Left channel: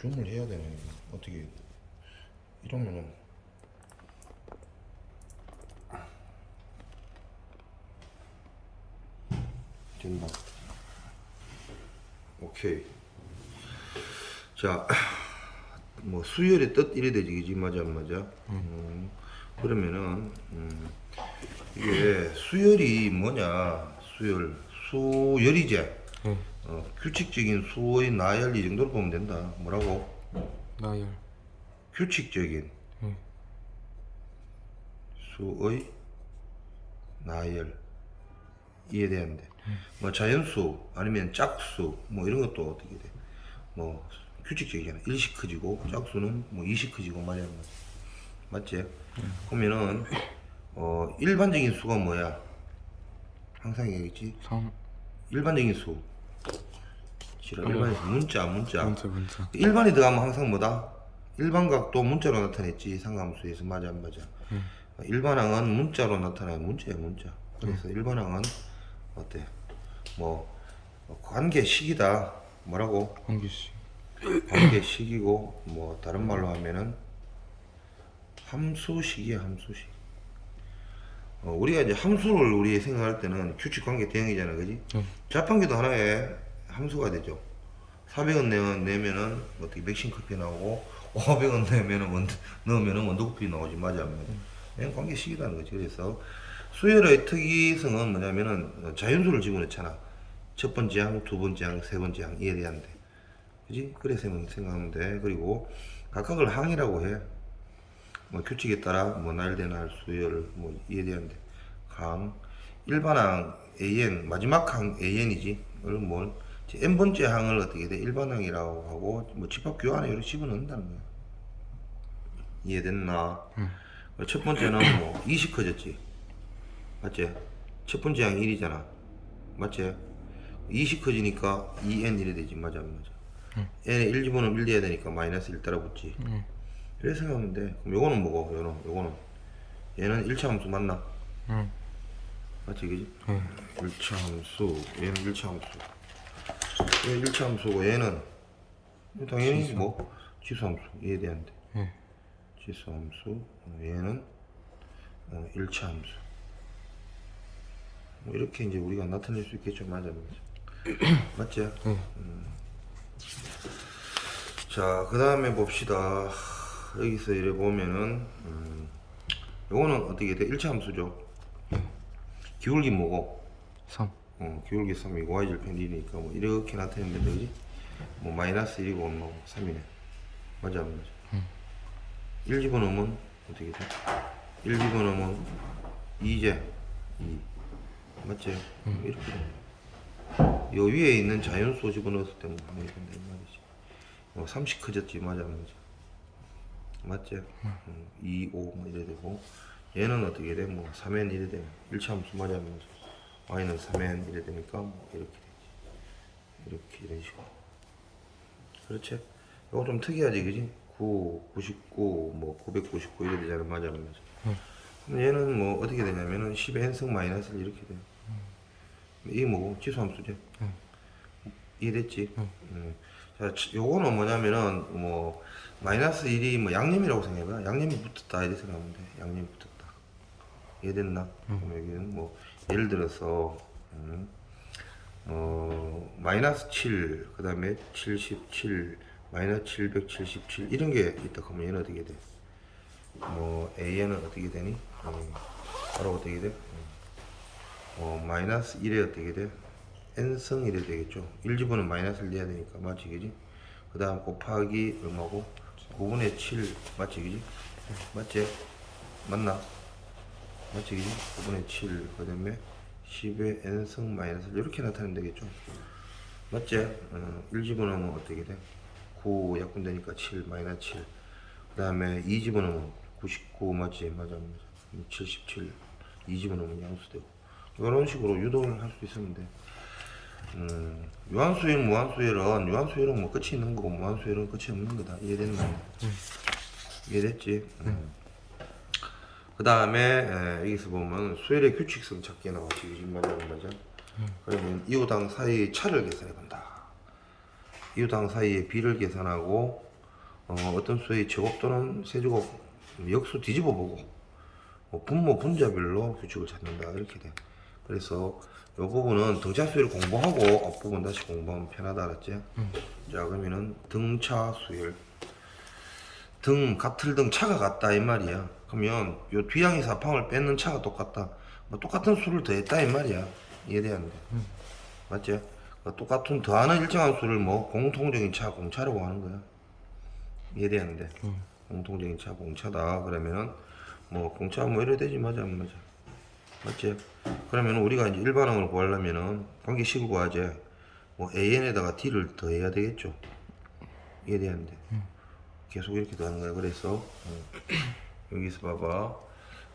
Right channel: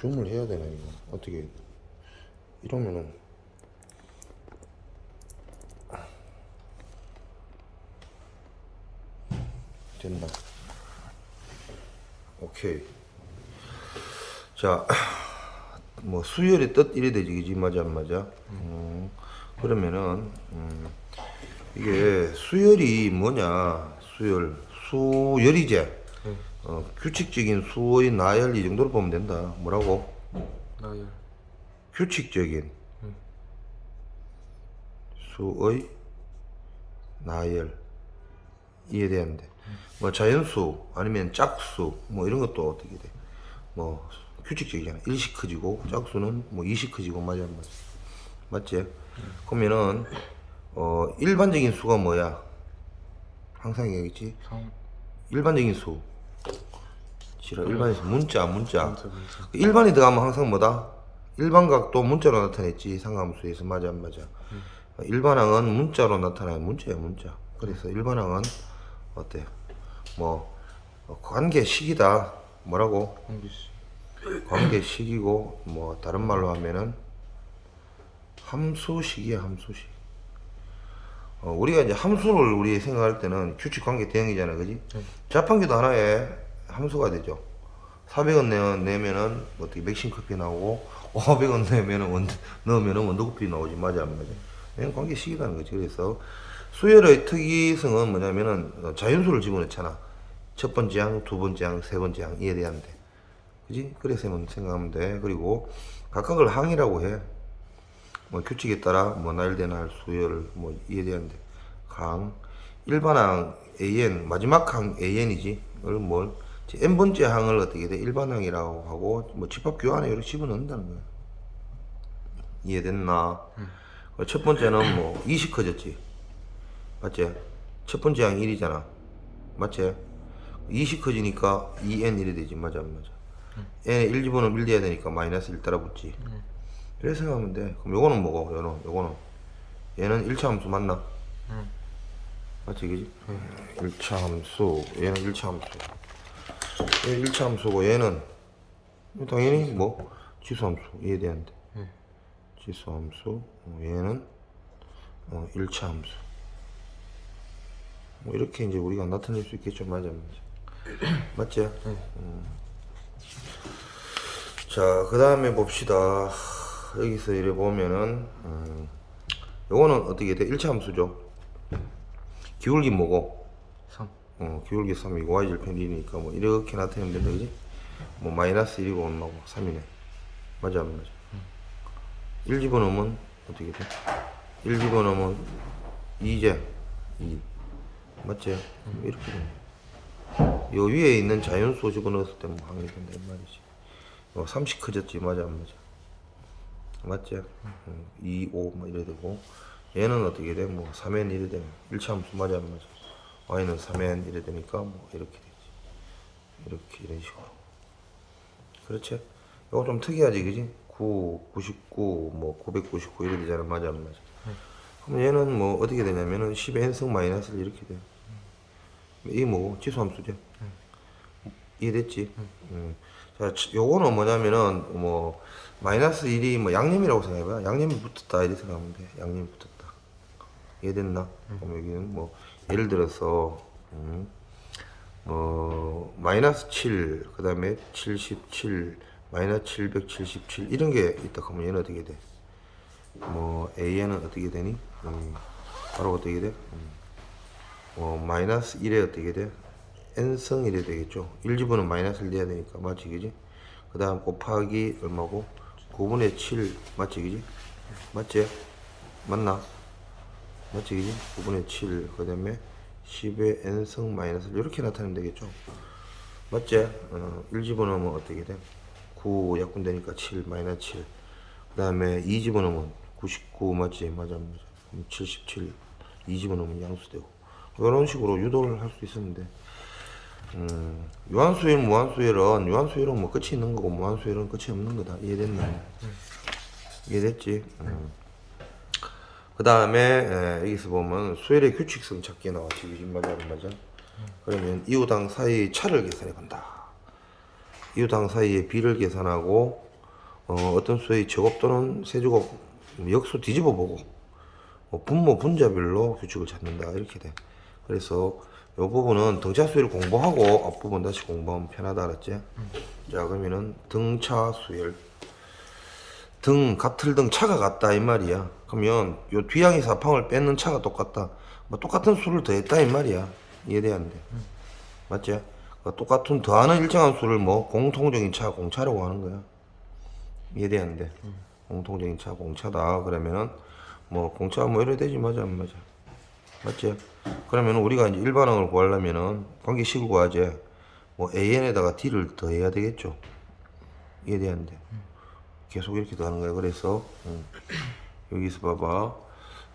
줌을 해야 되네. 이거. 어떻게 이러면은 된다. 오케이. 자, 뭐 수열이 뜻 이래 되지, 그지? 맞아 안 맞아? 그러면은 이게 수열이 뭐냐? 수열이제. 규칙적인 수의 나열 이 정도로 보면 된다. 뭐라고? 나열. 규칙적인 수의 나열 이해되는데 뭐 자연수 아니면 짝수 뭐 이런 것도 어떻게 돼? 뭐 규칙적이잖아. 1씩 커지고 짝수는 뭐 2씩 커지고 맞아 안 맞아? 맞지? 그러면은 일반적인 수가 뭐야? 항상 얘기했지. 3. 일반적인 수. 싫어. 일반적인 수 문자. 문자. 일반이 들어가면 항상 뭐다? 일반각도 문자로 나타냈지. 상함수에서 맞아 안 맞아? 일반항은 문자로 나타나요. 문자야 문자. 그래서 일반항은 어때? 뭐 관계식이다. 뭐라고? 공개식. 관계식이고 뭐 다른 말로 하면은 함수식이야 함수식. 우리가 이제 함수를 우리 생각할 때는 규칙 관계 대응이잖아요, 그지? 자판기도 하나의 함수가 되죠. 400원 내면은 어떻게 맥심 커피 나오고 500원 넣으면은 원두커피 나오지. 맞아 안 맞아? 이건 관계식이라는 거지. 그래서 수열의 특이성은 뭐냐면은 자연수를 집어넣잖아. 첫 번째 항, 두 번째 항, 세 번째 항 이해돼야한대. 그지? 그래서 생각하면 돼. 그리고 각각을 항이라고 해. 뭐 규칙에 따라 뭐 나열된 할 수열 뭐 이해되는데 항 일반항 AN 마지막 항 AN이지. 뭘 n 번째 항을 어떻게 돼? 일반항이라고 하고 뭐 집합 교환에 이렇게 집어넣는다는 거야. 이해됐나? 첫 번째는 뭐 20 커졌지. 맞지? 첫 번째 항이 1이잖아. 맞지? 20 커지니까 2n 1이 되지. 맞아 안 맞아? n에 1 집어넣으면 1 돼야 되니까 마이너스 1 따라 붙지. 그래서 생각하면 돼. 그럼 요거는 뭐고? 요거는 얘는 1차 함수 맞나? 맞지 그지? 1차 함수 얘는 1차 함수 얘는 1차 함수고 얘는 당연히 뭐 지수 함수 이해되는데 지수 함수 얘는 1차 함수 뭐 이렇게 이제 우리가 나타낼 수 있겠죠. 맞아 안 맞아? 맞지? 자, 그 다음에 봅시다. 여기서 이래 보면은 요거는 어떻게 돼? 1차 함수죠. 기울기 뭐고? 3. 기울기 3이고 y절편 1이니까 뭐 이렇게 나타내면 된다 그지? 뭐 마이너스 1이고 엄마고 3이네. 맞아 안 맞아? 1 집어넣으면 어떻게 돼? 1 집어넣으면 2제 2 맞지? 이렇게 되네. 요 위에 있는 자연수 집어넣었을 때는 뭐 항이 된다 이 말이지. 30 커졌지. 맞아 안 맞아? 맞지? 2, 5 뭐 이래 되고 얘는 어떻게 돼? 뭐 3n 이래 되면 1차 함수 맞아 안 맞아? y는 3n 이래 되니까 뭐 이렇게 되지. 이렇게 이런 식으로. 그렇지? 이거 좀 특이하지 그지? 9, 99, 뭐 999 이래 되잖아. 맞아 안 맞아? 그럼 얘는 뭐 어떻게 되냐면은 10n승 마이너스 이렇게 돼. 이게 뭐 지수함수지? 이해됐지? 자, 요거는 뭐냐면은 뭐 마이너스 1이 뭐 양념이라고 생각해봐. 양념이 붙었다 이렇게 생각하면 돼. 양념이 붙었다. 이해됐나? 그럼 여기는 뭐 예를 들어서 마이너스 7, 그 다음에 77, 마이너스 777 이런 게 있다 하면 얘는 어떻게 돼? 뭐 AN은 어떻게 되니? 바로 어떻게 돼? 마이너스 1에 어떻게 돼? n승 1이 되겠죠. 1 집어는 마이너스를 내야 되니까 맞지 그지? 그 다음 곱하기 얼마고? 9분의 7 맞지 그지? 맞지? 맞나? 맞지 그지? 9분의 7 그 다음에 10의 n승 마이너스 이렇게 나타내면 되겠죠. 맞지? 1 집어넣으면 어떻게 돼? 9 약분되니까 7 마이너스 7 그 다음에 2 집어넣으면 99 맞지? 맞아 안 맞아? 그럼 77 2 집어넣으면 양수되고 이런 식으로 유도를 할 수 있었는데 유한수열, 유한수열은 뭐 끝이 있는 거고 무한수열은 끝이 없는 거다. 이해됐나? 이해됐지? 그 다음에 여기서 보면 수열의 규칙성 찾기 나왔지. 요즘 맞아 안 맞아? 그러면 이유당 사이의 차를 계산해 본다. 이유당 사이의 비를 계산하고 어떤 수의 제곱 또는 세제곱 역수 뒤집어 보고 분모 분자별로 규칙을 찾는다 이렇게 돼. 그래서 이 부분은 등차수열 공부하고 앞부분 다시 공부하면 편하다 알았지? 자 그러면은 등차 수열 같을 등 차가 같다 이 말이야. 그러면 요 뒤항의 사방을 뺏는 차가 똑같다. 뭐 똑같은 수를 더했다 이 말이야. 이해되는데 맞지? 똑같은 더하는 일정한 수를 뭐 공통적인 차 공차라고 하는 거야. 이해되는데 공통적인 차 공차다 그러면은 뭐 공차 뭐 이래 되지 맞아 안 맞아 맞지? 그러면 우리가 이제 일반항을 구하려면은 관계식을 구하지 뭐 an에다가 d를 더해야 되겠죠. 이해되는데 계속 이렇게 더하는 거야. 그래서 여기서 봐봐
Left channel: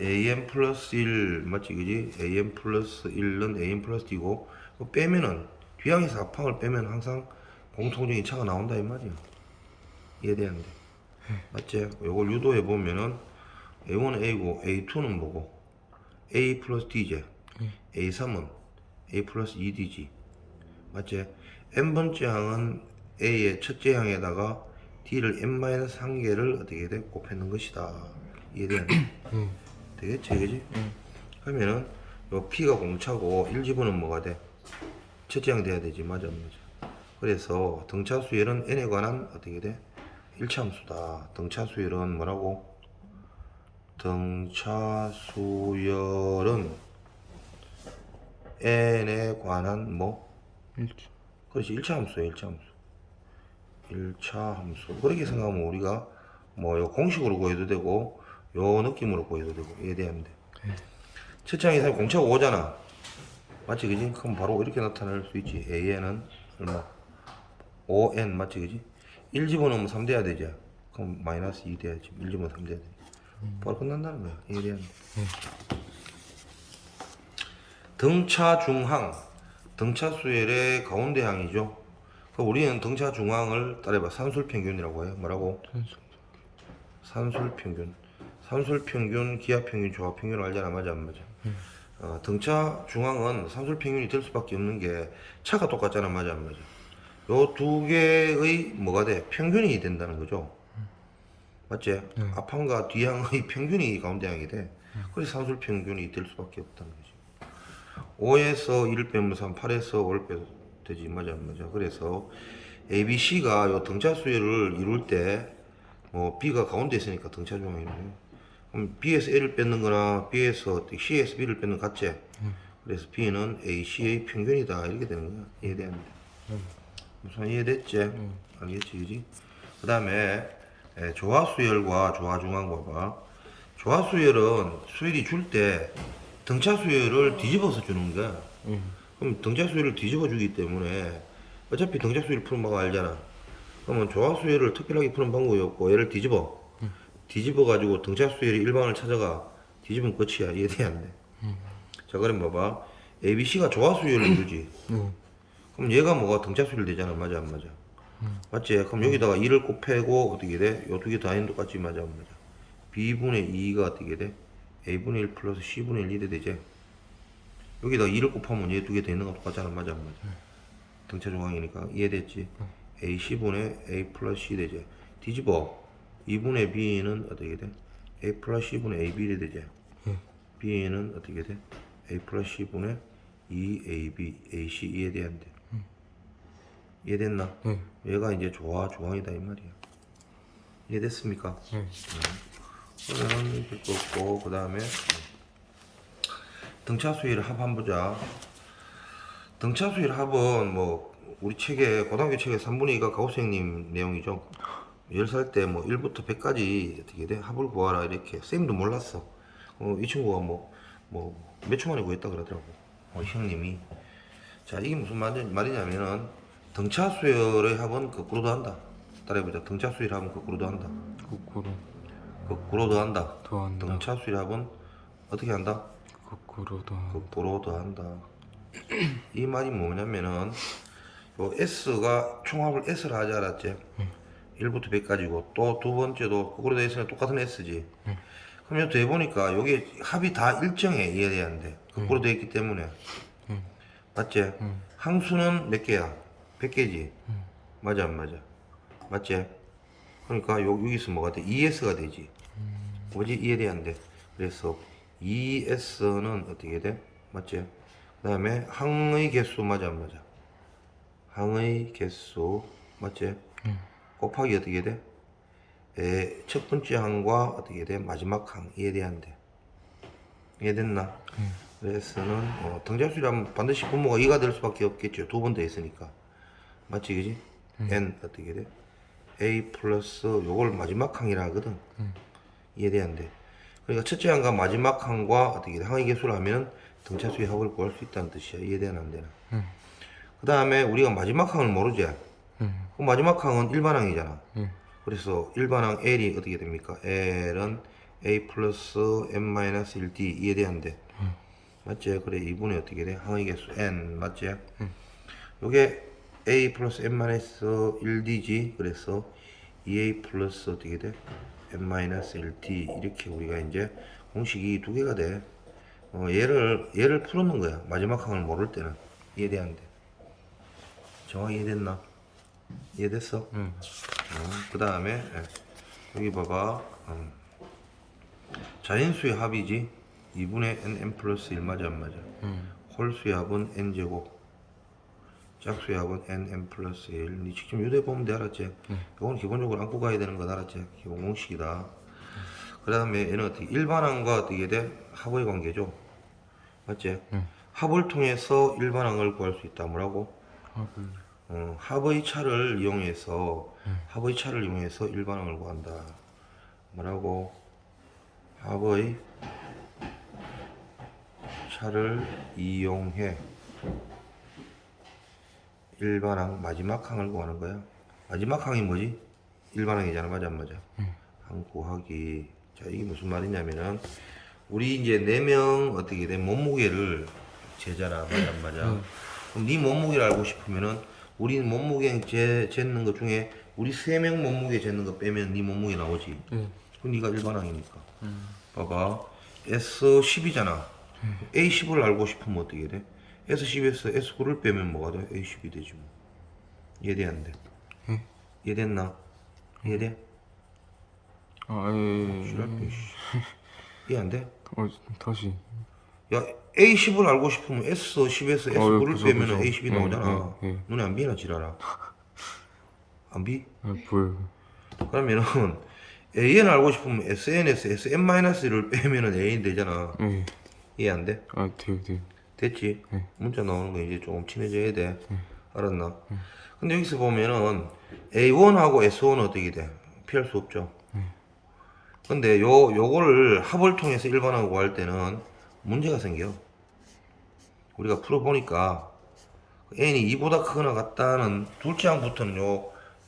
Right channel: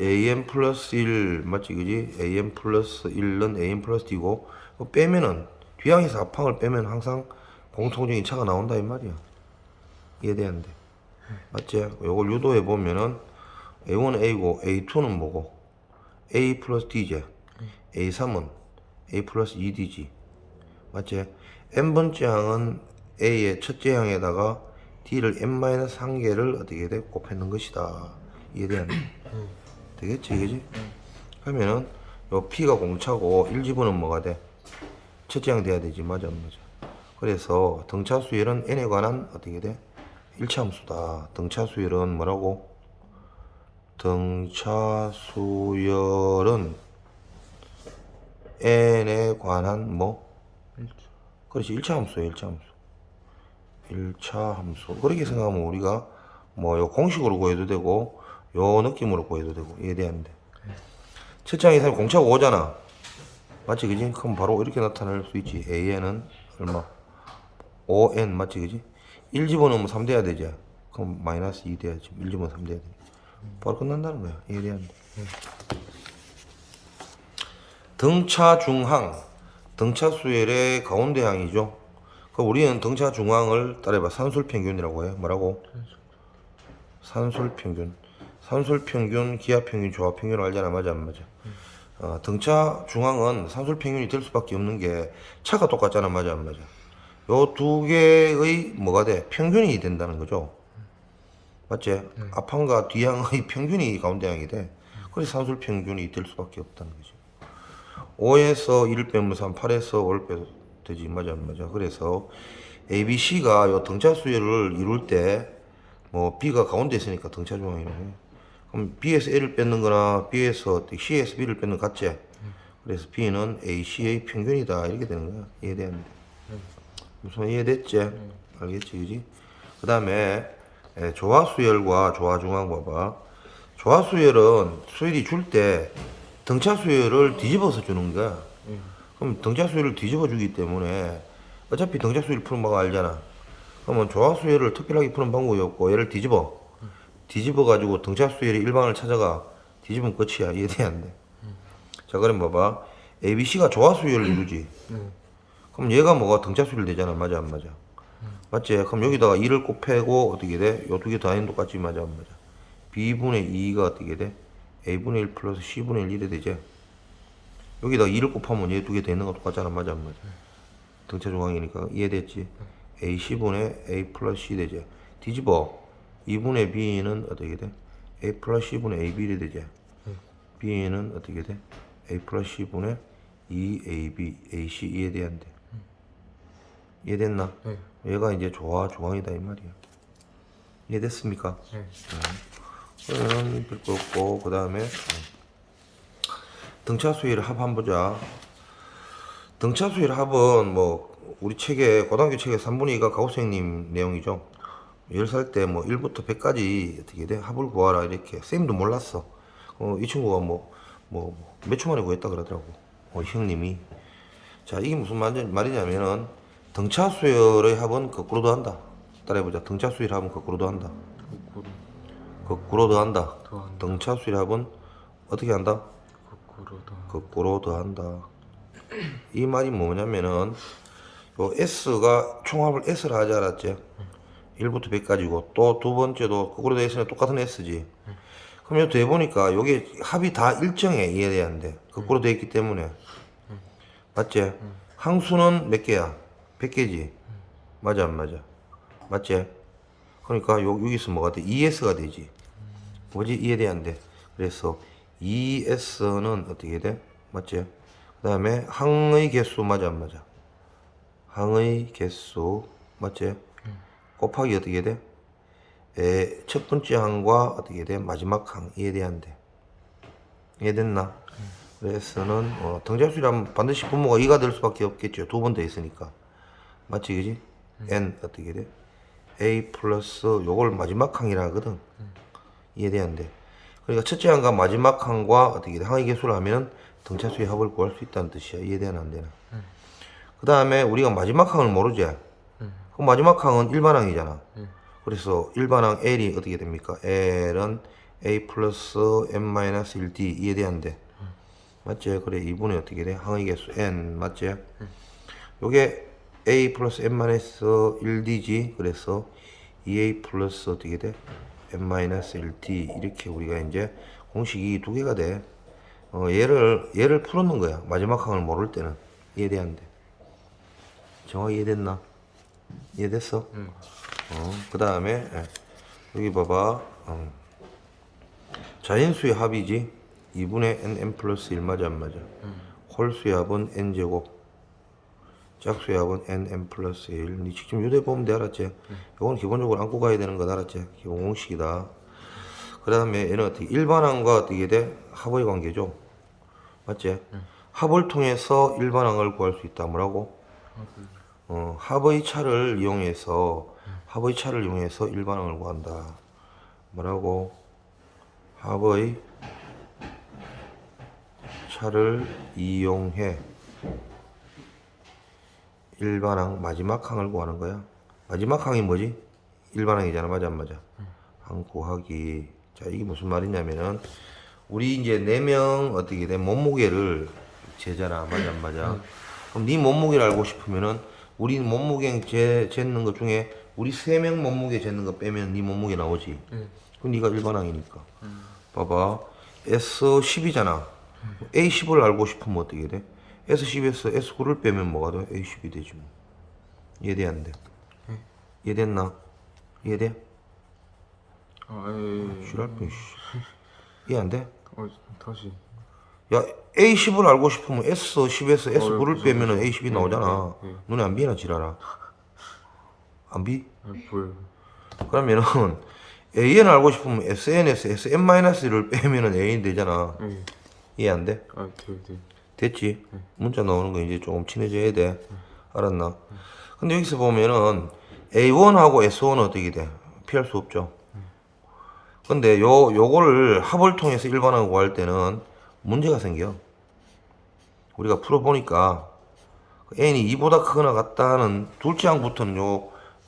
an 플러스 1 맞지 그지? an 플러스 1은 an 플러스 d고 빼면은 뒤항에서 앞항을 빼면 항상 공통적인 차가 나온다 이 말이야. 이해되는데 맞지? 요걸 유도해 보면은 A1은 A고 A2는 뭐고 A 플러스 D지. A3은 A 플러스 2D지. 맞지? n번째 항은 A의 첫째 항에다가 D를 n-1개를 어떻게 돼? 곱해놓은 것이다. 이해되는데? 되겠지 그지? 그러면은 요 P가 공차고 1집어는 뭐가 돼? 첫째 항 돼야 되지 맞아 안 맞아? 그래서 등차 수열은 n에 관한 어떻게 돼? 일차함수다. 등차 수열은 뭐라고? 등차 수열은 n에 관한 뭐? 그렇지 일차함수야 일차함수. 일차함수. 그렇게 생각하면 우리가 뭐 요 공식으로 구해도 되고 요 느낌으로 구해도 되고 이해되는데 첫째 항 이상 공차가 5잖아. 맞지 그지? 그럼 바로 이렇게 나타낼 수 있지. an은 얼마? 5n 맞지 그지? 1 집어넣으면 3 돼야 되지. 그럼 마이너스 2 돼야지. 1 집어넣으면 3 돼야 돼. 바로 끝난다는 거야. 이해되는데. 등차 중항. 등차 수열의 가운데 항이죠. 우리는 등차 중항을 따라해봐. 산술평균이라고 해. 뭐라고? 산술평균. 산술평균, 기하평균, 조합평균을 알잖아. 맞아 안 맞아? 등차 중항은 산술평균이 될 수밖에 없는 게 차가 똑같잖아. 맞아 안 맞아? 요 두 개의 뭐가 돼? 평균이 된다는 거죠. 맞지? 앞항과 뒤항의 평균이 가운데 항이 돼. 그래서 산술 평균이 될 수밖에 없다는 거지. 5에서 1을 빼면 3, 8에서 5를 빼도 되지. 맞아 안 맞아? 그래서 A, B, C가 요 등차 수열을 이룰 때 뭐 B가 가운데 있으니까 등차 중앙이네. 그럼 B에서 A를 뺏는 거나 B에서 C에서 B를 뺏는 거 같지? 그래서 B는 A, C의 평균이다. 이렇게 되는 거야. 이해되는데. 무슨 이해됐지? 알겠지? 그지? 그 다음에 조화수열과 조화중앙 봐봐. 조화수열은 수열이 줄 때 등차수열을 뒤집어서 주는 거야. 그럼 등차수열을 뒤집어 주기 때문에 어차피 등차수열 푸는 방법 알잖아. 그러면 조화수열을 특별하게 푸는 방법이 없고 얘를 뒤집어 가지고 등차수열의 일반을 찾아가. 뒤집으면 끝이야. 이해돼야 안 돼? 자 그럼 봐봐. ABC가 조화수열을 이루지. 그럼 얘가 뭐가 등차수열 되잖아. 맞아 안 맞아? 맞지? 그럼 여기다가 2를 곱하고 어떻게 돼? 요 두 개 더하면 똑같지. 맞아 안 맞아? B분의 2가 어떻게 돼? A분의 1 플러스 C분의 1 이래 되지? 여기다가 2를 곱하면 얘 두 개 되는 거 똑같잖아. 맞아 안 맞아? 등차 중앙이니까 이해됐지? AC분의 A 플러스 C 되지? 뒤집어 2분의 B는 어떻게 돼? A 플러스 C분의 AB 이래 되지? B는 어떻게 돼? A 플러스 C분의 2AB AC 이해돼야 안 돼? 이해됐나? 얘가 이제 중앙이다 이 말이야. 이해됐습니까? 그러면 별거 없고 그 다음에 등차 수열 합 한번 보자. 등차 수열 합은 뭐 우리 책에 고등학교 책에 3분의 2가 가우스형님 내용이죠. 10살 때 뭐 1부터 100까지 어떻게 돼? 합을 구하라 이렇게. 쌤도 몰랐어. 이 친구가 뭐 몇 초 만에 구했다 그러더라고. 형님이. 자 이게 무슨 말이냐면은 등차 수열의 합은 거꾸로 더한다. 따라해보자. 등차 수열 합은 거꾸로 더한다. 거꾸로 더한다. 등차 수열 합은 어떻게 한다? 거꾸로 더한다. 이 말이 뭐냐면은 요 S가 총합을 S를 하지 않았지? 1부터 100까지고 또 두 번째도 거꾸로 더 S는 똑같은 S지. 그럼 여기 해보니까 요게 합이 다 일정해. 이해돼야 안 돼? 거꾸로 돼 있기 때문에. 맞지? 항수는 몇 개야? 100개지. 맞아 안 맞아? 맞지? 그러니까 여기서 뭐가 돼? ES가 되지. 뭐지? 이해돼안돼? 그래서 ES는 어떻게 돼? 맞지? 그 다음에 항의 개수 맞아 안 맞아? 항의 개수 맞지? 곱하기 어떻게 돼? 첫 번째 항과 어떻게 돼? 마지막 항. 이해돼안돼? 이해됐나? 그래서는 등잡수라면 반드시 분모가 2가 될 수밖에 없겠죠. 두 번 더 있으니까. 맞지 그지? n 어떻게 돼? a 플러스 요걸 마지막 항이라 하거든. 이해돼안돼? 그러니까 첫째 항과 마지막 항과 어떻게 돼? 항의 개수를 하면 등차수의 합을 구할 수 있다는 뜻이야. 이해되나 안 되나? 그 다음에 우리가 마지막 항을 모르지? 그럼 마지막 항은 일반항이잖아. 그래서 일반항 L이 어떻게 됩니까? L은 a 플러스 n-1d 이해돼안돼? 맞지? 그래 2분의 어떻게 돼? 항의 개수 n 맞지? 요게 a 플러스 n-1d지. 그래서 2a 플러스 어떻게 돼? n-1d 이렇게 우리가 이제 공식이 두 개가 돼. 얘를 풀어놓은 거야. 마지막 항을 모를 때는. 이해돼안돼? 정확히 이해됐나? 이해됐어? 그 다음에 여기 봐봐. 자연수의 합이지. 2분의 n 플러스 1 맞아 안 맞아? 홀수의 합은 n제곱, 짝수의 합은 n 플러스 1. 니 직접 요대 보면 돼. 알았지? 이건 기본적으로 안고 가야 되는 거 알았지? 기본 공식이다. 그 다음에 얘는 어떻게 일반항과 어떻게 돼? 합의 관계죠. 맞지? 합을 통해서 일반항을 구할 수 있다. 뭐라고? 합의 차를 이용해서 일반항을 구한다. 뭐라고? 합의 차를 이용해 일반항 마지막 항을 구하는 거야. 마지막 항이 뭐지? 일반항이잖아. 맞아 안 맞아? 항 구하기. 자, 이게 무슨 말이냐면은 우리 이제 4명 어떻게 돼? 몸무게를 재잖아. 맞아 안 맞아? 그럼 네 몸무게를 알고 싶으면은 우리 몸무게 재는 것 중에 우리 3명 몸무게 재는 거 빼면 네 몸무게 나오지. 그럼 네가 일반항이니까. 봐봐. S10이잖아. A10을 알고 싶으면 어떻게 돼? S10에서 S9를 빼면 뭐가 돼? A10이 되지 뭐. 이해돼 안 돼? 이해됐나? 이해돼? 예. 싫어할게. 이해 안 돼? 다시. 야, A10을 알고 싶으면 S10에서 S9를 빼면 그죠. A10이 나오잖아. 예. 눈에 안 비나 지랄아. 안 비? 보여. 그러면은 AN 알고 싶으면 SN에서 SN-1를 빼면은 AN 되잖아. 예. 이해 안 돼? 돼요. 됐지? 문자 나오는 거 이제 조금 친해져야 돼. 알았나? 근데 여기서 보면은 A1하고 S1은 어떻게 돼? 피할 수 없죠. 근데 요거를 합을 통해서 일반항을 구할 때는 문제가 생겨. 우리가 풀어보니까 n이 2보다 크거나 같다 하는 둘째 항부터는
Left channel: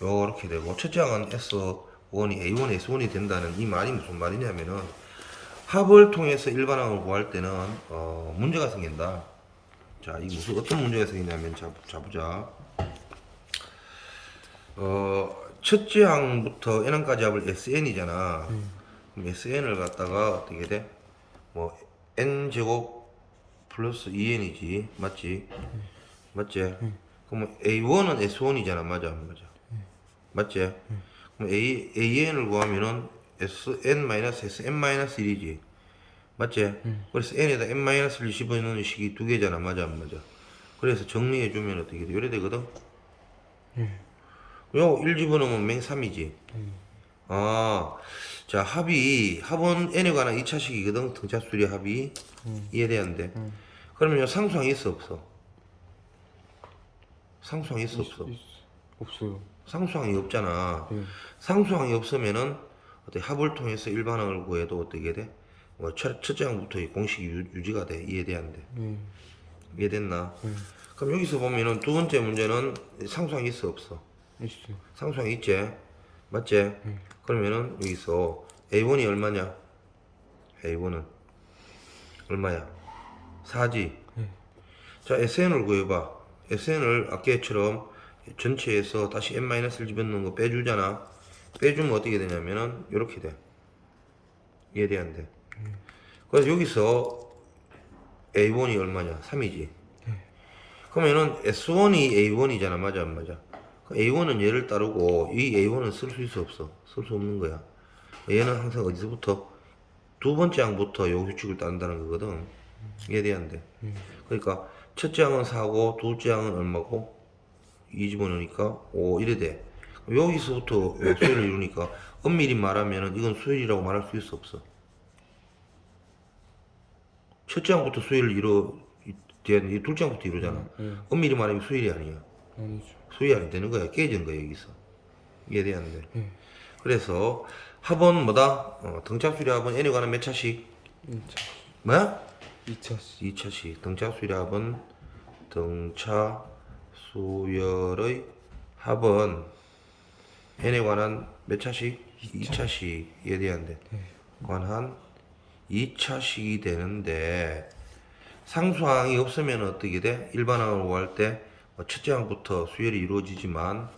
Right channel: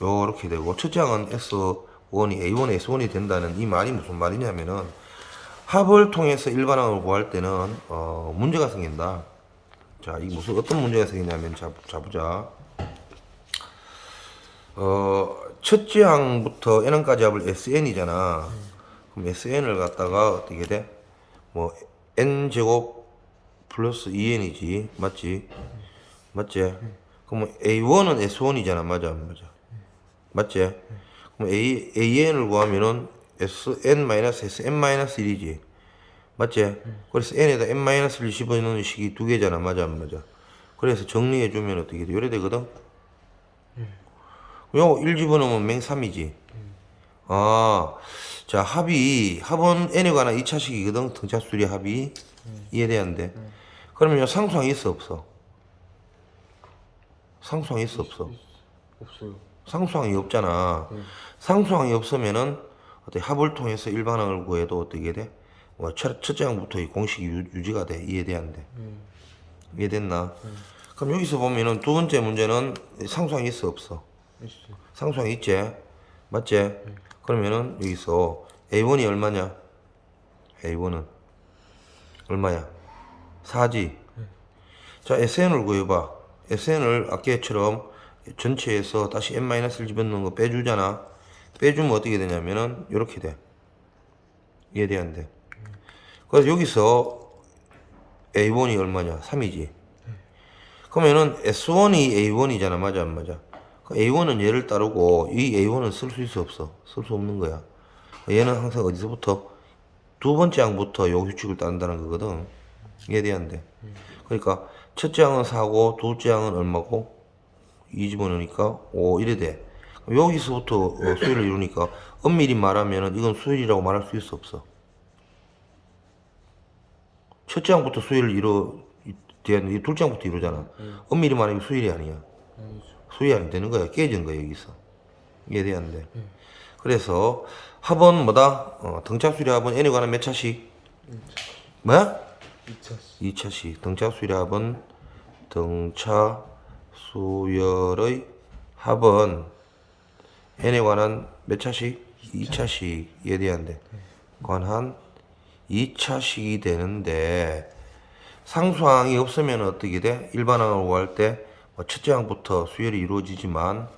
요렇게 되고 첫째 항은 S1이 A1, S1이 된다는 이 말이 무슨 말이냐면은 합을 통해서 일반항을 구할 때는 문제가 생긴다. 자, 이 무슨 어떤 문제가 생기냐면 자 보자. 첫째 항부터 n까지 합을 SN이잖아. 그럼 SN을 갖다가 어떻게 돼? 뭐 n 제곱 플러스 2n이지, 맞지? 맞지? 그럼 A1은 S1이잖아, 맞아, 맞아, 맞지? 그럼 AN을 구하면은 SN-SN-1이지, 맞지? 그래서 n에다 n-1을 집어넣는 식이 두 개잖아, 맞아, 맞아? 그래서 정리해주면 어떻게 돼? 요래 되거든? 요 1 집어넣으면 맹3이지. 자, 합은 n에 관한 2차식이거든. 등차수리 합이. 이해돼 안 돼? 그러면 요 상수항이 있어 없어? 상수항이 있어 없어? 없어요. 상수항이 없잖아. 상수항이 없으면은 어떻게 합을 통해서 일반항을 구해도 어떻게 돼? 뭐 첫째 항부터 이 공식이 유지가 돼. 이해돼 안 돼? 이해됐나? 그럼 여기서 보면은 두 번째 문제는 상수항이 있어 없어? 있어요. 상수항이 있지? 맞지? 그러면은 여기서 A1이 얼마냐? A1은 얼마야? 4지? 자, SN을 구해봐. SN을 아까처럼 전체에서 다시 n-를 집어넣는 거 빼주잖아. 빼주면 어떻게 되냐면은 이렇게 돼. 이해돼 안 돼? 그래서 여기서 A1이 얼마냐? 3이지. 그러면은 S1이 A1이잖아. 맞아 안 맞아? A1은 얘를 따르고 이 A1은 쓸 수 있어 없어? 쓸 수 없는 거야. 얘는 항상 어디서부터 두 번째 항부터 요 규칙을 따른다는 거거든. 이해돼야 안 돼? 그러니까 첫째 항은 4고 둘째 항은 얼마고 2 집어넣으니까 5 이래 돼. 여기서부터 수열을 이루니까 엄밀히 말하면은 이건 수열이라고 말할 수 있어 없어? 첫째 항부터 수열을 이 둘째 항부터 이루잖아. 엄밀히 말하면 수열이 아니야. 아니죠. 수열이 안 되는 거야. 깨진 거야 여기서. 이해돼야 안 돼? 그래서 합은 뭐다? 등차 수열의 합은 n에 관한 몇 차씩? 2차. 뭐야? 2차씩. 2차씩. 등차 수열의 합은 등차 수열의 합은 n에 관한 몇 차씩? 2차씩. 이해돼야 안 돼? 관한 2차식이 되는데 상수항이 없으면 어떻게 돼? 일반항을 구할 때 첫째 항부터 수열이 이루어지지만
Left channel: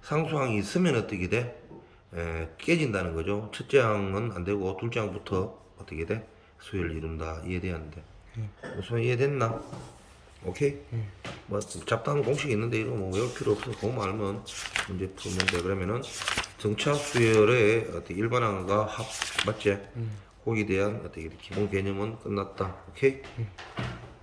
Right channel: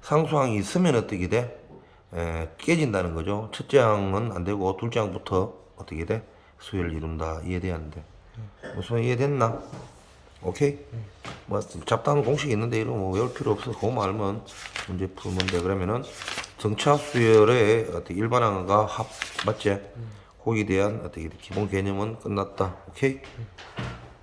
상수항이 있으면 어떻게 돼? 깨진다는 거죠. 첫째 항은 안 되고 둘째 항부터 어떻게 돼? 수열을 이룬다. 이해돼야 안 돼? 무슨 이해됐나? 오케이? 뭐 잡다한 공식이 있는데 이런 뭐 외울 필요 없어. 그거만 알면 문제 풀면 돼. 그러면은 등차 수열의 어떻게 일반항과 합 맞지? 거기에 대한 어떻게 기본 개념은 끝났다. 오케이?